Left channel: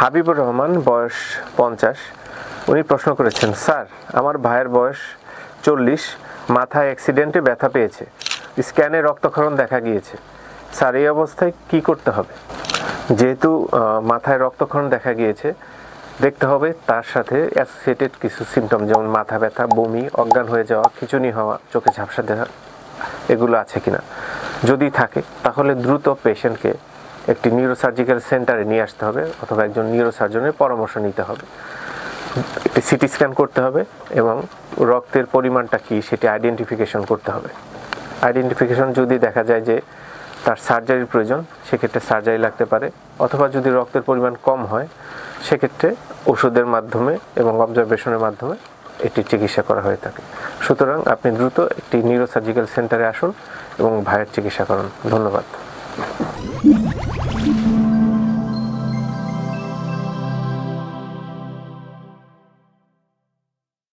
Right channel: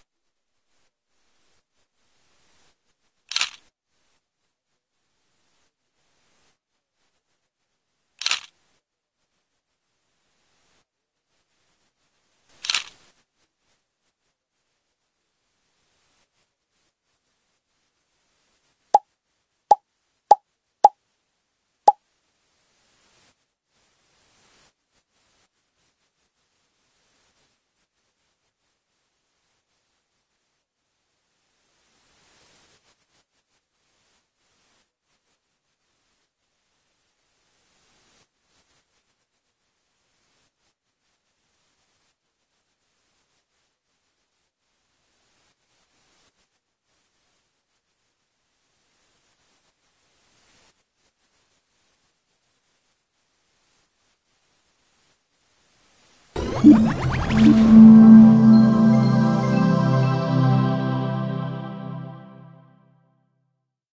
হাবিবুর রহমান, বয়স 50। উনি প্রশ্ন করেছেন, স্যার আমার ভাইয়ের বয়স 40, মাথায় অ্যাক্সিডেন্টে ব্যথা পেয়েছে, স্ক্যানে রক্তক্ষরণ দেখা গিয়েছে, স্যার এই অবস্থায় কি করতে হবে? যেহেতু মাথায় রক্তক্ষরণ দেখা গিয়েছে, দেখতে হবে তার সাথে অ্যাসোসিয়েটেড কিছু সিমটম, যেমন মাথা ব্যথা, বমি, অজ্ঞান হয়ে যাওয়া, খিঁচুনি হওয়া, চোখে ঝাপসা দেখা, এগুলো আছে কিনা। যদি থাকে তাহলে দ্রুত পেশেন্টকে একটি নিউরোসার্জিক্যাল সেন্টারে নিয়ে আসতে হবে অথবা একজন নিউরোসার্জনের পরামর্শ নিতে হবে। একটি সিটি স্ক্যান করতে হবে এবং রক্তের পরিমাণটা কী সেটি আইডেন্টিফিকেশন করতে হবে। আইডেন্টিফিকেশন যদি দেখা যায় যে তার সার্জারির প্রয়োজন, সেক্ষেত্রে সার্জারি লাগতে পারে, অথবা যদি রক্তের পরিমাণ কম হয় সেক্ষেত্রে ওষুধের মাধ্যমে এবং অবজারভেশনের মাধ্যমে এটি চিকিৎসা করা হয়ে থাকে। সুতরাং আপনি দ্রুত একটি নিউরোসার্জিক্যাল সেন্টারে আসুন এবং ভাইয়ের চিকিৎসা করুন। ধন্যবাদ।